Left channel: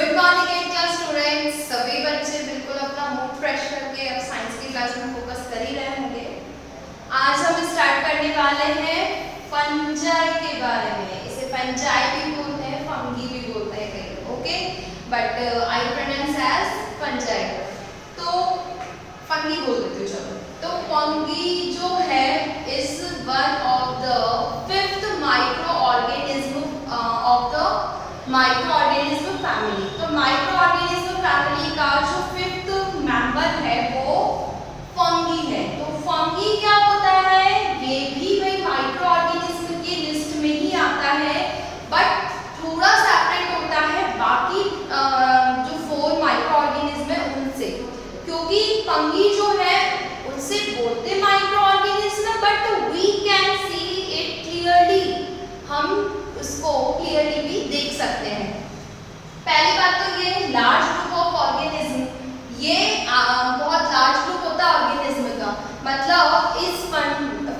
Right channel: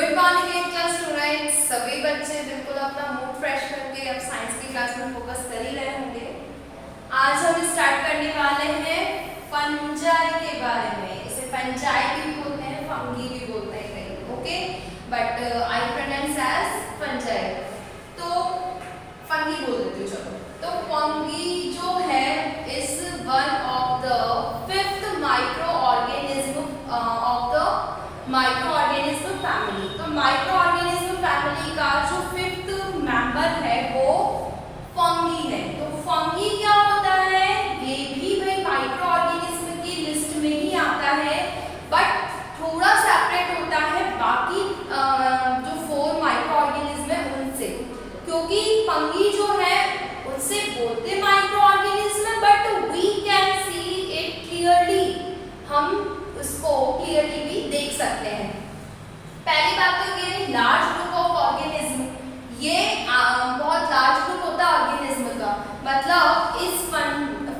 Good morning 8th class students. सभी बच्चे बिल्कुल अपना मूड फ्रेश करके अब साइंस की क्लास में फोकस कर ही रहे होंगे। आज हम स्टार्ट करने वाले हैं फंजाई के बारे में। इसे फंजाई भी बोलते हैं, फंगी भी बोलते हैं कहीं, okay, but I pronounce as fungi. तो फंगी बोल देती हूँ, चलो। तो फंगी जो है is one of the fifth micro organism of the micro organism family. तो माइक्रो ऑर्गेनिज्म फैमिली का जो फिफ्थ मेंबर है वो फंगी है। तो फंगी क्या होता है, ये भी भाई माइक्रो ऑर्गेनिज्म की लिस्ट में ही आता है, बट थोड़ा सेपरेट होता है बाकी जो 4 माइक्रो ऑर्गेनिज्म है उनसे, क्योंकि फंगी जो है उससे बोलते micro organism, but we can see it clearly, हम उसको क्लियरली भी देख सकते हैं। पहली बात तो ये लार्ज ग्रुप ऑफ ऑर्गेनिज्म, ये बहुत लार्ज ग्रुप होता है ऑर्गेनिज्म का। मतलब इस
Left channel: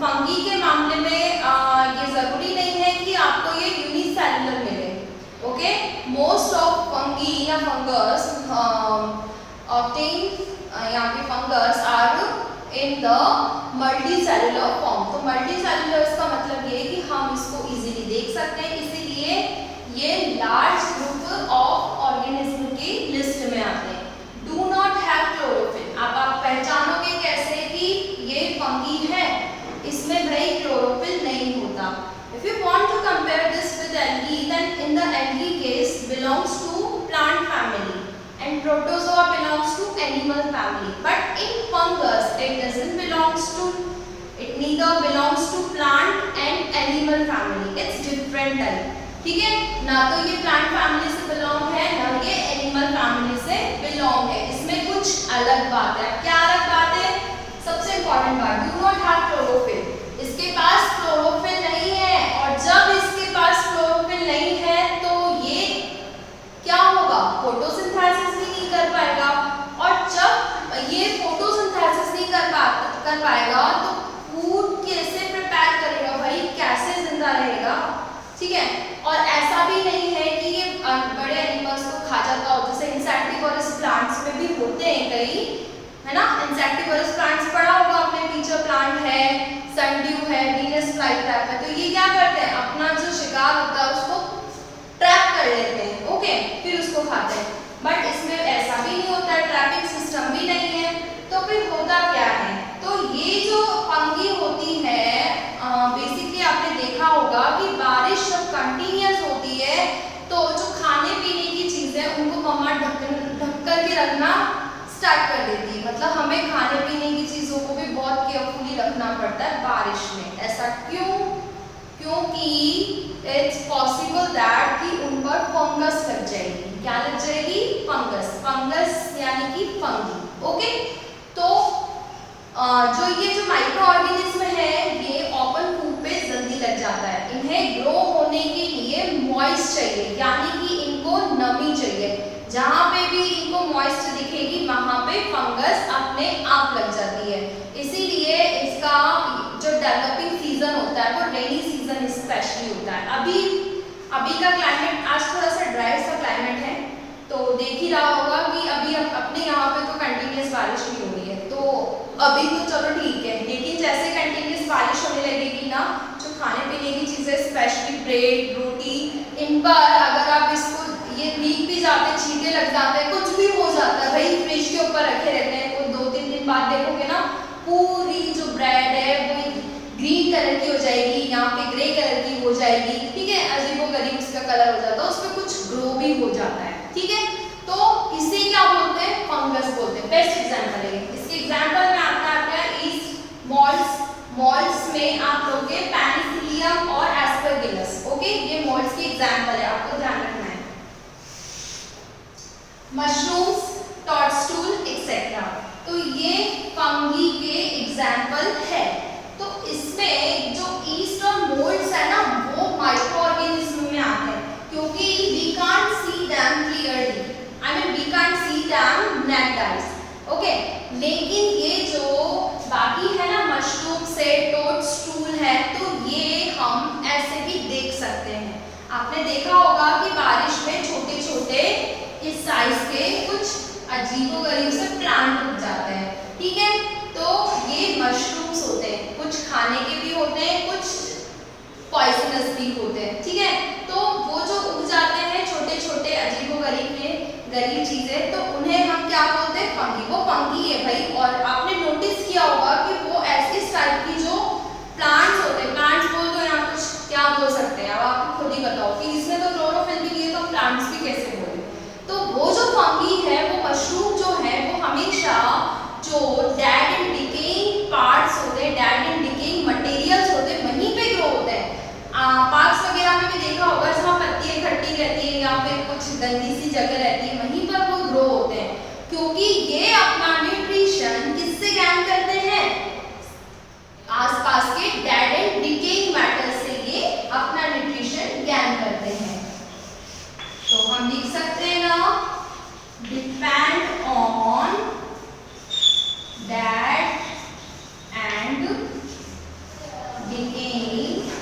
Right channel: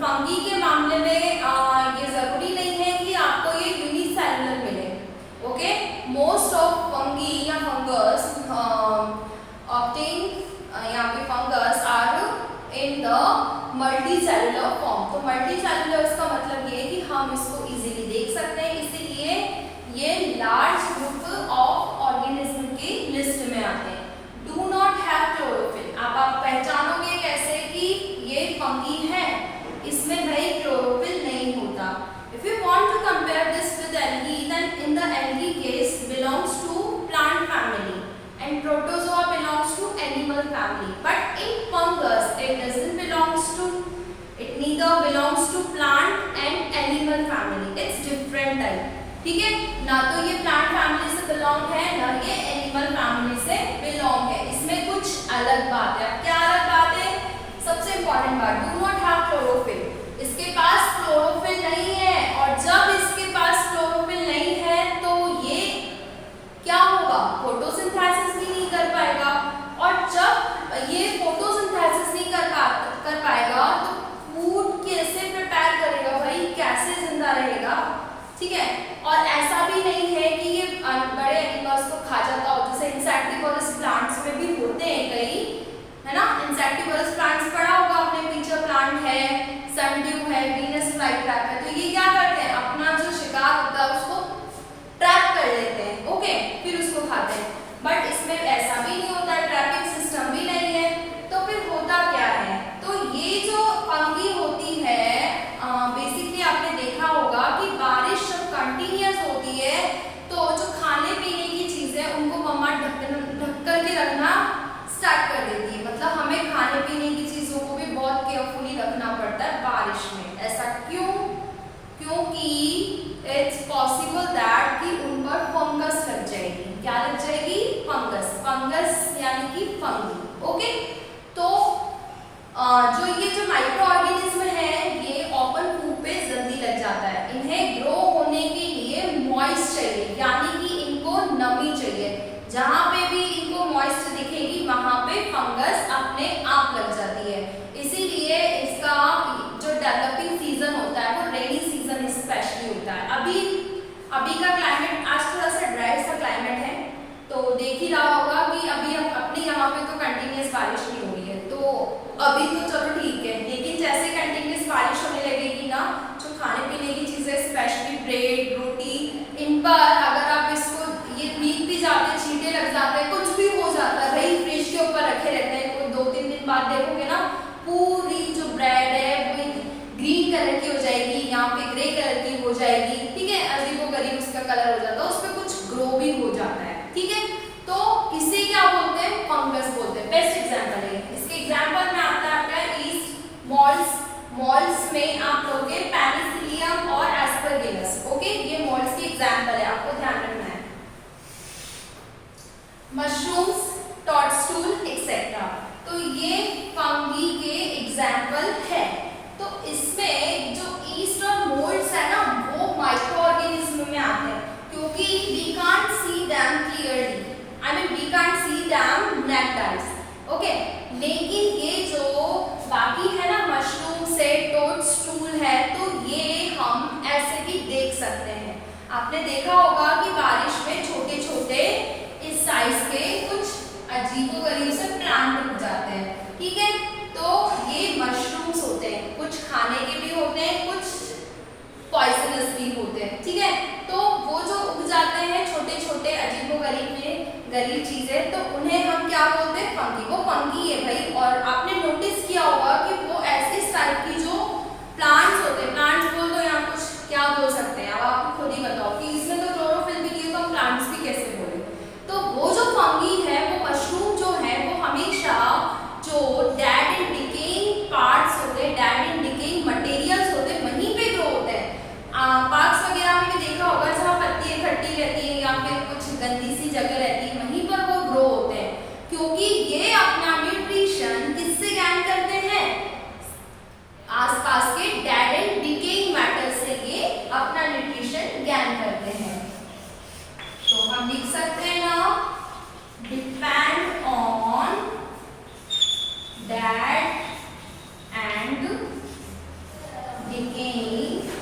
फंगी के मामले में ये जरूरी नहीं है कि आपको ये यूनिसेलुलर मिले, ओके। मोस्ट ऑफ फंगी या फंगस ऑब्टेन यहाँ पे fungus are in the multicellular form. तो मल्टीसेलुलर का मतलब ये कि हम इसको इजीली देख सकते हैं, इसीलिए ये लार्ज ग्रुप ऑफ ऑर्गेनिज्म की लिस्ट में आते हैं। Do not have chlorophyll. अब आप पहचानोगे कैसे कि ये फंगी है, इसमें भाई क्लोरोफिल नहीं होता। If you want to compare this with algae, then in the algae case belongs to plant family and protozoa belongs to animal family, but in fungus it doesn't belongs to, it neither belongs to plant and animal family, it's different type, ठीक है ना। तो ये plant family से belong है ना ये animal family से बिलोंग है, इसमें कुछ अलग बात है। क्या अलग बात है? सबसे इंपॉर्टेंट बात, डू नॉट हैव क्लोरोफिल। इसके पास क्लोरोफिल नहीं है, और जब इसके पास क्लोरोफिल नहीं है तो ये क्या होगा, फोटोसिंथेसिस भी नहीं कर पाएगा, और जब ये फोटोसिंथेसिस नहीं कर पाएगा तो फूड कैसे प्रिपेयर करेगा भाई, कैसे जिंदा रहेगा, ठीक है। और ऐसा भी नहीं है कि ये बड़े एनिमल्स को खा जाता हो, जैसे इंसेक्टिवोरस प्लांट्स में भी होते हैं कई, है ना। इंसेक्टिवोरस प्लांट्स पढ़ा होगा आपने, पीछे प्लांट है, सनड्यू है, वीनस फ्लाईट्रैप है। तो ये क्या करते हैं, अपना जो शिकार होता है उसको ट्रैप कर लेते हैं, ओके, फिर उसको खाते हैं। बट इसमें ऐसा भी नहीं होता, ट्रैपिंग सिस्टम भी नहीं है। तो फिर होता क्या है, तो ये जो फंगी होती है बेसिकली आपने देखा होगा कि बारिश जब कंटिन्यूअस होती है तो जो खाने पीने की चीजें उनको मम्मा ढक कर के रखना स्टार्ट कर देती है। मतलब हमें खाने पीने की चीजों को भी बहुत केयरफुली रखना पड़ता है बारिश में। ऐसा क्यों? क्योंकि इट्स पॉसिबल दैट कि उन पर फंगस लग जाएगी। क्या लग जाएगी? फंगस। फंगस यानी कि फंगी, ओके। तो जो ये जो माइक्रो ऑर्गेनिज्म है ये ओपन फूड पे जल्दी लग जाता है। इन्हें ग्रो होने के लिए मॉइस्ट चाहिए, यानी कि इनको नमी चाहिए। जहाँ पे भी इनको मॉइस्ट दिखेगी वहां पे फंगस अपने आप लग जाती है। इसीलिए इसका जो डेवलपिंग सीजन होता है वो रेनी सीजन स्पेशली होता है। अभी का क्लाइमेट आज थोड़ा सा ड्राई सा क्लाइमेट है, तो देख ही रहा होगा कि अभी अपने यहाँ पे तो कंटिन्यूस बारिश नहीं हो रही है, तो अभी तो चलो ठीक है। लेकिन जैसे कंटिन्यूस बारिश होने लगेगी ना, जो खाने पीने की चीजें स्पेशली ब्रेड, रोटी, इन पर अगर आप इसको ये भीग भी जाते, छींटे लग जाते हैं, कुछ भी हो जाता है भाई, फ्रिज के ऊपर रखे रहते हैं, कोई 2-3 दिन बाद देखोगे ना पूरी जो ब्रेड है वो ग्रीन कलर की हो जाएगी, यहाँ पे ग्रे कलर की हो जाएगी, ठीक है, अजीबोगरीब उसका कलर हो जाता है, उस पर कुछ ग्रो भी हो जाता है, ठीक है। तो इसे क्या बोलते हैं? फंगस बोलते हैं। बेस्ट एग्जांपल है इसके। एग्जांपल में आता है ईस्ट मॉल्स। मॉल्स में आप लोग के पेनिसिलियम और एस्परगिलस, ओके, ये मॉल्स की एग्जांपल है, आपको ध्यान रखना है। मशरूम्स, टॉडस्टूल एक्सेट्रा, तो ये फंगी के एग्जांपल है। तो इसमें जो ईस्ट और मोल्ड्स है ना वो माइक्रो ऑर्गेनिज्म में आते हैं, क्योंकि we can't see them clearly, I mean we can't see them naked eyes, okay. लेकिन ये जो बाकी है ना मशरूम से टोडस्टूल है, तो ये हम ऐसे भी देख सकते हैं। आपने देखा होगा कि बारिश में छोटे छोटे इस साइज के कुछ अजीबोगरीब से प्लांट उग जाते हैं, ठीक है। तो ये मशरूम्स होते हैं, कुछ खाने के भी होते हैं, कुछ पॉइजनस भी होते हैं, ठीक है। तो वो जो उग जाते हैं छोटे छोटे गरीब चीजें, तो उन्हें हम क्या बोलते हैं, फंगी। वो फंगी है भाई। और आपने नोटिस किया होगा कि वो ऐसे टाइप की जो प्लांट्स होते हैं, प्लांट्स बोल दो या कुछ क्या बोल सकते हैं, अब आप खुद ही बताओ कि इसमें तो क्लोरोफिल भी नहीं है तो प्लांट्स भी कैसे बोले। तो वो जो फंगी है, वो मशरूम जो है, वो हमेशा जो डेड एंड डिकेइंग पार्ट्स होते हैं, डेड एंड डिकेइंग मटेरियल्स होते हैं, वहीं पे ग्रो होते हैं। पार्क्स वगैरह में भी देखा होगा, जहाँ पत्ती इकट्ठी रहती है या फिर कुछ गंदी सी जगह रहती है, वहीं पर वो ग्रो होते हैं, क्योंकि ये अपना न्यूट्रिशन किससे गैन करते हैं, आसपास के डेड एंड डिकेइंग मैटर से ये अपना न्यूट्रिशन गैन करते हैं। तो हम लिख सकते हैं ना, depend on dead and decaying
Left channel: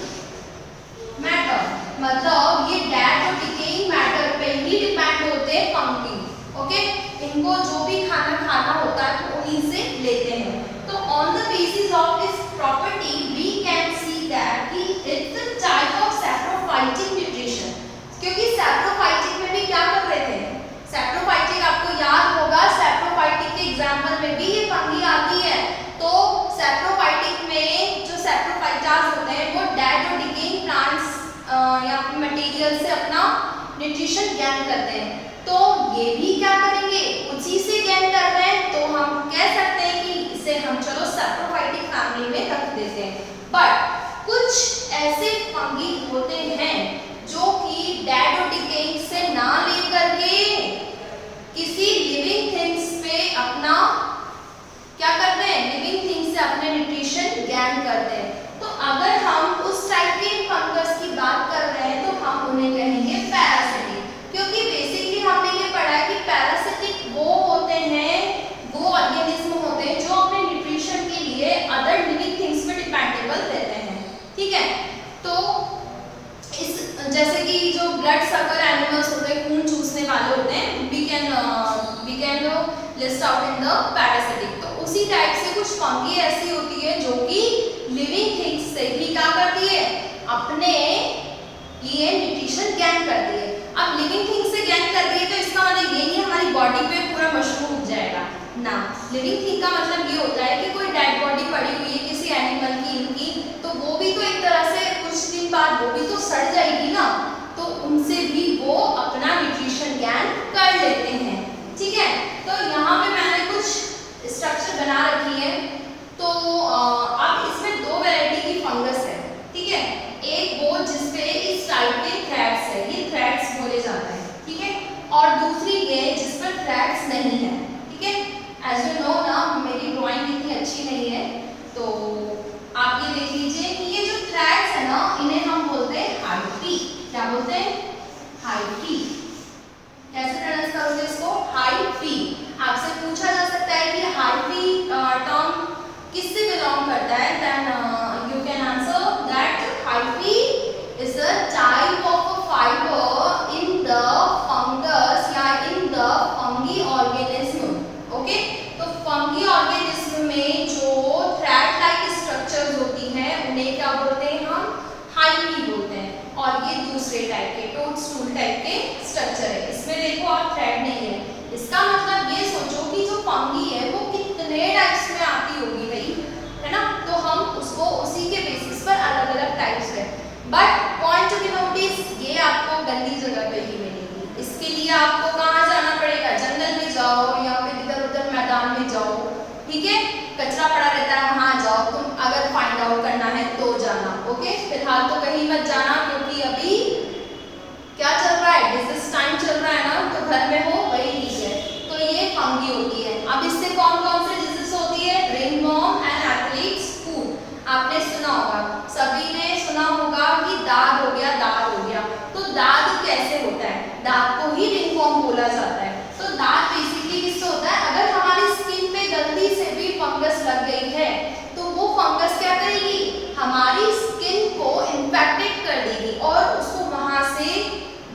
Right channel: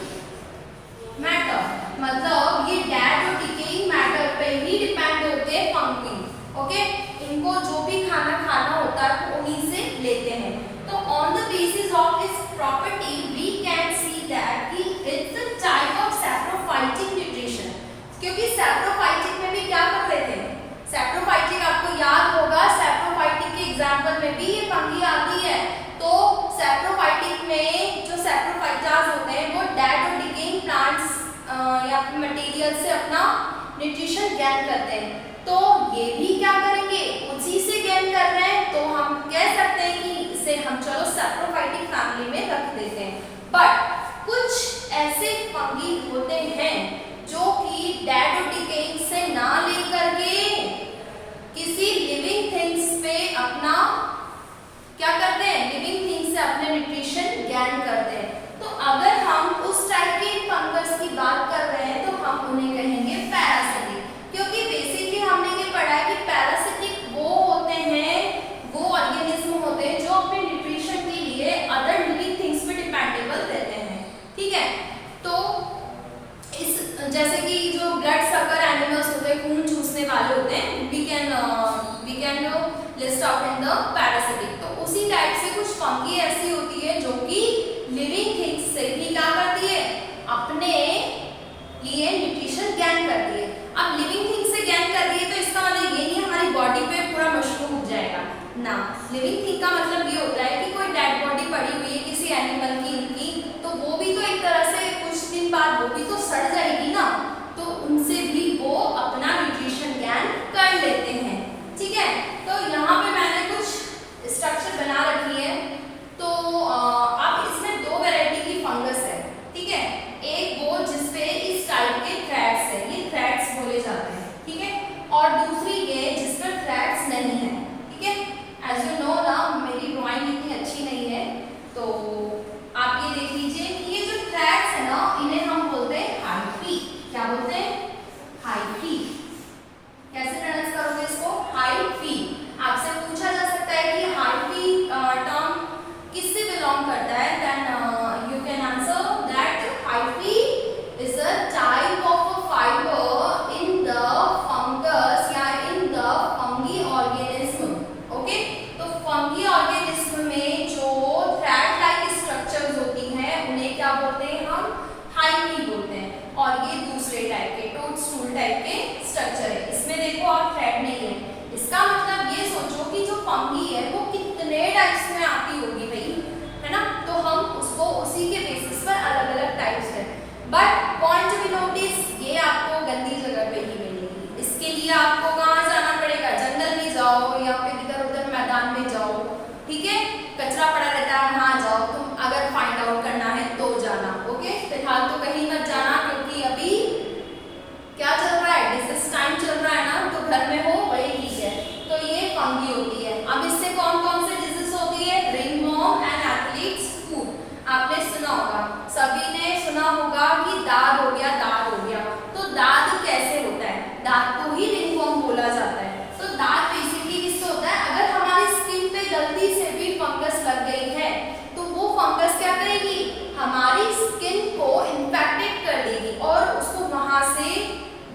matter, मतलब ये डेड और डिकेइंग मैटर पे ही डिपेंड होते हैं फंगी, ओके। इनको जो भी खाना होता है वो उन्हीं से लेते हैं। तो on the basis of this property we can see that कि it's a type of saprophytic nutrition, क्योंकि सैप्रोफाइटिक में भी क्या कर रहे थे, सैप्रोफाइटिक आपको याद होगा, सैप्रोफाइटिक के एग्जांपल में भी ये फंगी आती है। तो सैप्रोफाइटिक में जो सैप्रोफाइटास होते हैं वो डेड और डिकेइंग प्लांट्स या मटेरियल से अपना न्यूट्रिशन गैन करते हैं। तो ये भी क्या करेंगे, उसी से गैन कर रहे हैं, तो हम कह सकते हैं कि इसे हम चलो सैप्रोफाइटिक फैमिली में रख देते हैं। बट कुछ ऐसे फंगी होते हैं जो कि डेड और डिकेइंग से ना लेकर के किसी लिविंग थिंग्स पे अपना क्या करते हैं, लिविंग थिंग्स से अपने न्यूट्रिशन गैन करते हैं। तो अगर हम उस टाइप के फंगस की बात कर रहे हैं तो हम उन्हें कहेंगे पैरासिटिक, क्योंकि बेसिकली हमने ये पढ़ा है कि पैरासिटिक वो होते हैं, वो ऑर्गेनिज्म होते हैं जो अपने न्यूट्रिशन के लिए अदर लिविंग थिंग्स पे डिपेंडेबल रहते हैं, ठीक है। तो इस जैसे कि जो ब्लड सकर एनिमल्स होते हैं, खून चूसने वाले होते हैं, we can list out in the parasitic. तो उसी टाइप से कुछ फंगी ऐसी होती है जो कि लिविंग थिंग्स से भी क्या करती है, अपने लिए न्यूट्रिशन गैन करती है। अब लिविंग थिंग्स से गैन कर रही है तो इसका मतलब ये नहीं हमारी बॉडी पे पूरा मशरूम उग जाएगा ना। लिविंग थिंग का मतलब ये होता है कि कोई डेड बॉडी पड़ी हुई है किसी एनिमल की, इनकी, तो वो भी तो एक तरह से कुछ दिन बाद वो भी तो सड़ जाएगी ना, तो उनसे भी वो अपना न्यूट्रिशन गैन कर लेते हैं, ठीक है। तो यहाँ पे मैंने कुछ स्ट्रक्चर बना रखी है। तो अब इसमें दो वैरायटी की फंगस है, ठीक है। एक वो जिसपे इस टाइप के थ्रेड्स है, ये थ्रेड्स बोले जाते हैं, ठीक है। और दूसरी ये जिस पर थ्रेड्स नहीं है, ठीक है। एज यू नो ना, मेरी ड्राइंग इतनी अच्छी नहीं है, तो आप ये देख लीजिए कि ये जो थ्रेड्स है ना, इन्हें हम बोलते हैं हाइफी। क्या बोलते हैं, हाइफी। कैसे प्रोनाउंस करोगे इसको, हाइफी। आपसे पूछा जा सकता है कि हाइफी टर्म किससे बिलोंग करता है, then you can answer that hyphae is a type of a fibre in the fungus या in the fungi organism, okay. तो फंगी ऑर्गेनिज्म में जो थ्रेड लाइक स्ट्रक्चर्स होती हैं उन्हें क्या बोलते हैं, हम हाइफी बोलते हैं। और ये दूसरे टाइप के टोड स्टूल टाइप के स्ट्रक्चर है, इसमें देखो आप थ्रेड नहीं है। इसका मतलब ये सोचो कि जो फंगी है वो कितने टाइप्स में आती होगी भाई, है ना। तो हम उसको उसी के बेसिस पर अलग अलग टाइप्स है। But point to be notice, ये आपको गंदी जगह पे ही मिलेगी। इसके लिए आपको कहाँ जाना पड़ेगा, जंगल में जाओ या फिर इधर उधर मैदान में जाओ, ठीक है। कचरा पड़ा रहता है वहाँ जाओ, तुम अगर फाइंड आउट करना है तो जाना, ओके। फिलहाल तो कहीं मत जाना, क्योंकि अभी क्या चल रहा है, डिजीज टाइम चल रहा है ना, तो घर में हो वही ठीक है। तो ये फंगी होती है। अब इससे कौन कौन से डिजीज होती है, रिंगवॉर्म एंड एथलीट्स फूट। आपने सुना होगा, सभी ने सुना होगा कि दाद हो गया, दाद हो गया। तो दाद कैसे होता है, दाद को ही रिंगवॉर्म बोला जाता है। तो दाद बेसिकली किससे होता है, अगर हमारी स्किन पे गलती से भी फंगस लग गई है तो वो फंगस क्या करेगी, हमारी स्किन को इन्फेक्टेड कर देगी और उसको वहां से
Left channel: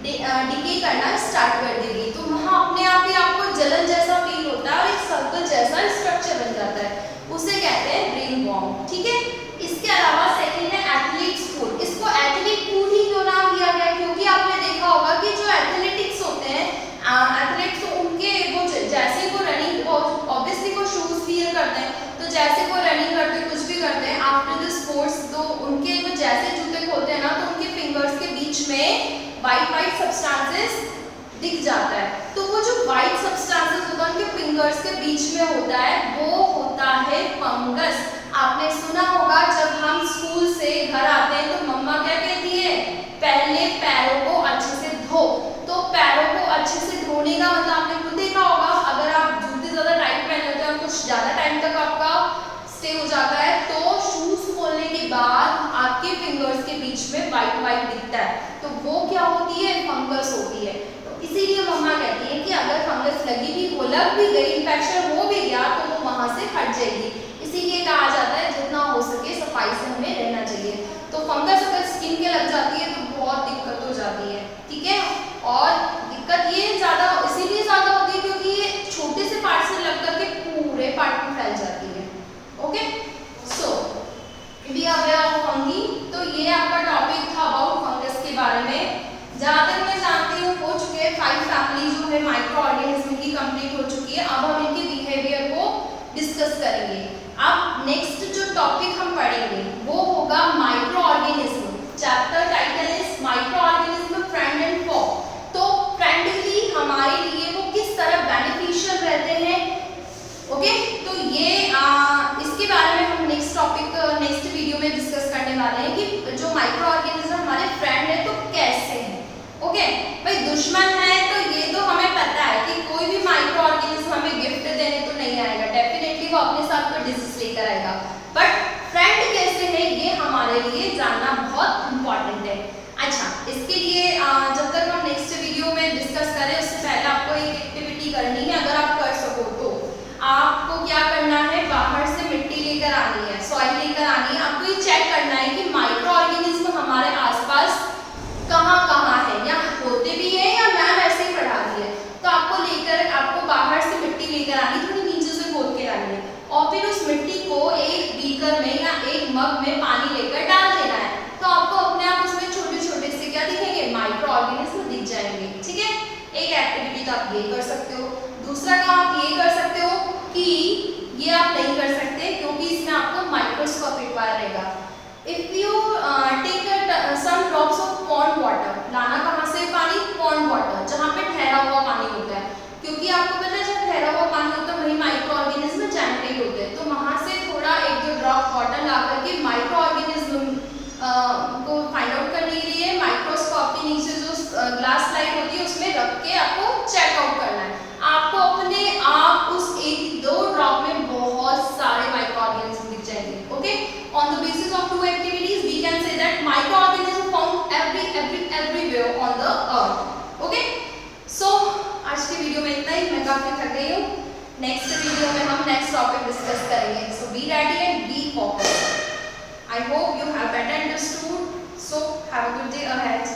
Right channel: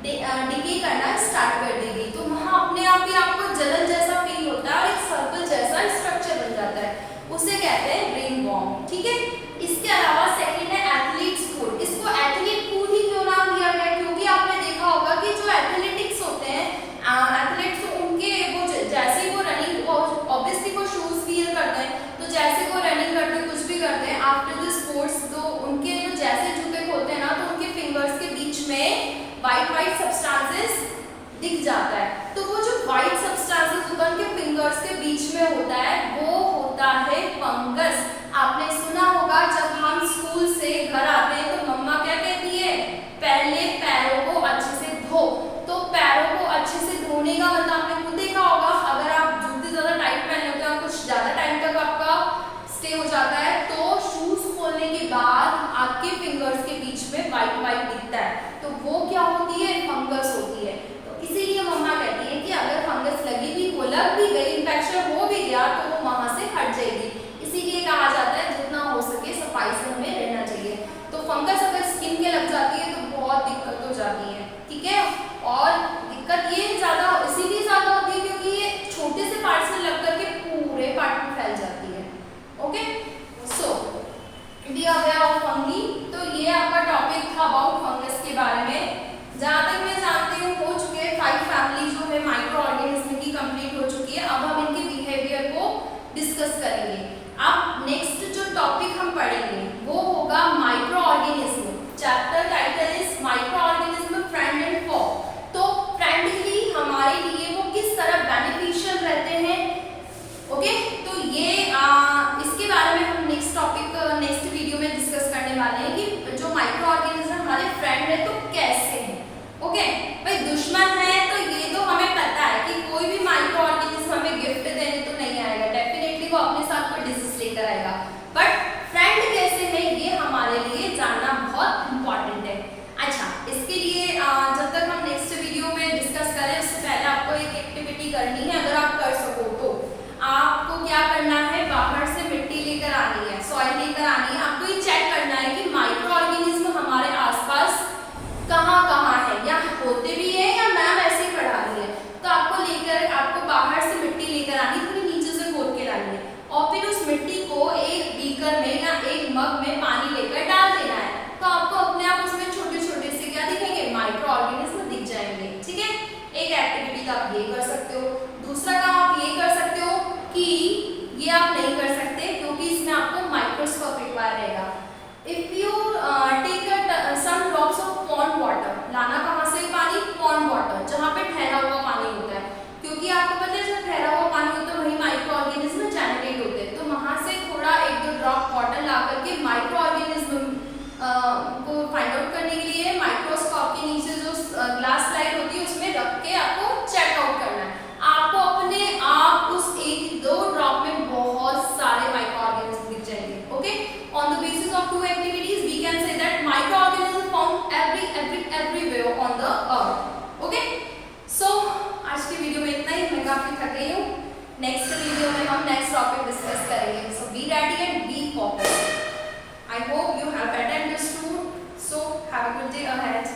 डिके करना स्टार्ट कर देगी, तो वहां अपने आप ही आपको जलन जैसा फील होता है और एक सर्कल जैसा स्ट्रक्चर बन जाता है, उसे कहते हैं रिंगवॉर्म। ठीक है, इसके अलावा सेकंड है एथलीट्स फूड। इसको एथलीट फूड ही क्यों नाम दिया गया है, क्योंकि आपने देखा होगा कि जो एथलेटिक्स होते हैं, एथलीट्स उनके वो जैसे वो रनिंग, ऑब्वियसली वो शूज वियर करते हैं, तो जैसे वो रनिंग करते हैं, कुछ भी करते हैं आफ्टर द स्पोर्ट्स, तो उनके वो जैसे जूते खोलते हैं ना, तो उनके फिंगर्स के बीच में वाइट सब्सटेंसेस दिख जाता है। तो वो जो वाइट सब्सटेंसेस होता है उनके फिंगर्स के बीच में होता है, वो होता है फंगस। आपने सुना होगा जब हम स्कूल से घर आते हैं तो मम्मा क्या कहती है, पहले पैरों को अच्छे से धो। तो पैरों को अच्छे से धोने का मतलब आपने खुद देखा होगा, अगर आप जूते ज़्यादा टाइट पहने होते हैं, कुछ ज़्यादा टाइम तक आपका स्टे हो जाता है, तो शूज खोलने के बाद आपके फिंगर्स के बीच में वाइट दिखता है, तो वो क्या होती है, फंगस होती है। तो इसीलिए मम्मा कहती है कि अगर फंगस लगी भी हो, लग भी गई, इन्फेक्शन हो भी गया, तो वो वहाँ से हट जाएगी। इसीलिए कहा जाता है जितना हो सके सफाई से हमें रहना चाहिए। तो फंगस अगर स्किन के लग जाती है तो बहुत दिक्कत हो जाती है। ठीक है, और दिक्कत ये ज़्यादा इसीलिए ज़्यादा होती है क्योंकि ये छोटे से पार्ट से लग करके पूरे पार्ट में फैल जाती है। Okay, so we are aware of fungi. तो ये आपका टॉपिक था अबाउट फंगस के बारे में। जहाँ तक मैं जानती हूँ हो चुके हैं 5 फैमिली जो है माइक्रो ऑर्गेनिज्म की कंप्लीट हो चुकी है। अब हम इनके बिहेवियर को डिस्कस करेंगे। अब नेक्स्ट जो टॉपिक हम पढ़ेंगे वो होगा micro organism. Chapter title is micro organism friend and फॉ। तो फ्रेंडली हमारे लिए वो किस तरह बेनिफिशियल रहते हैं। ओके, तो ये इसके बारे में हम नेक्स्ट वीडियो में डिस्कस करने वाले हैं कि जो माइक्रो ऑर्गेनिज्म हमारे फ्रेंड है तो कैसे हैं। ओके, भाई दुश्मन है तो ये तो हमें पता है कि कोई भी माइक्रो ऑर्गेनिज्म हमें गिफ्ट देने तो नहीं आएगा, डेफिनेटली वो अपने साथ कोई डिजीज लेकर आएगा, बट फ्रेंड कैसे है ये हमारे लिए जानना बहुत इंपॉर्टेंट है। अच्छा, इसके लिए जब तक हम नेक्स्ट वीडियो में डिस्कस करें उससे पहले आपको एक एक्टिविटी करनी है, अगर आप कर सको तो आपको क्या करना है, बाहर से मिट्टी लेकर आनी है, सॉइल लेकर आनी है। आपको ये चेक करना है कि माइक्रो ऑर्गेनिज्म हमारे आसपास कहाँ है, या होते भी है या मैम ऐसे ही पढ़ा रही है। तो आपको बाहर से मिट्टी लेकर आनी, थोड़ी नीचे से खोद के लानी है, और फिर उस मिट्टी को एक बीकर में या एक मग में पानी लेकर डाल देना है। तो आपको अपने आप उसमें छोटे छोटे से क्या दिखेंगे, माइक्रो ऑर्गेनिज्म दिख जाएंगे। ठीक है, एक एक्टिविटी तो आप ये कर सकते हो। दूसरा काम आप ये कर सकते हो कि ये आप नहीं कर सकते क्योंकि इसमें आपको माइक्रोस्कोप रिक्वायर रहेगा। If you take some drops of pond water, लाना कहाँ से पानी, पॉन्ड वाटर, जहाँ पे ठहरा हुआ पानी होता है, क्योंकि आपको पता है जब ठहरा हुआ पानी होता है वही माइक्रो ऑर्गेनिज्म जनरेट होते हैं। तो वहाँ से थोड़ा 1-2 ड्रॉप वाटर ला करके माइक्रो ऑर्गेनिज्म को फाइंड आउट करने के लिए माइक्रोस्कोप के नीचे जो ग्लास स्लाइड होती है उसमें रख के आपको चेकआउट करना है। आपको अपने आप उस 1-2 ड्रॉप में बहुत सारे माइक्रो ऑर्गेनिज्म दिख जाएंगे। Okay, on the basis of 2 activities we can say that micro organism found everywhere on the earth. Okay, so आज की वीडियो में इतना ही, मैं काफी थक गई हूँ। नेक्स्ट वीडियो में हम नेक्स्ट टॉपिक डिस्कस करेंगे। So be ready and be focused. I hope you have better understood. So have a good day ahead.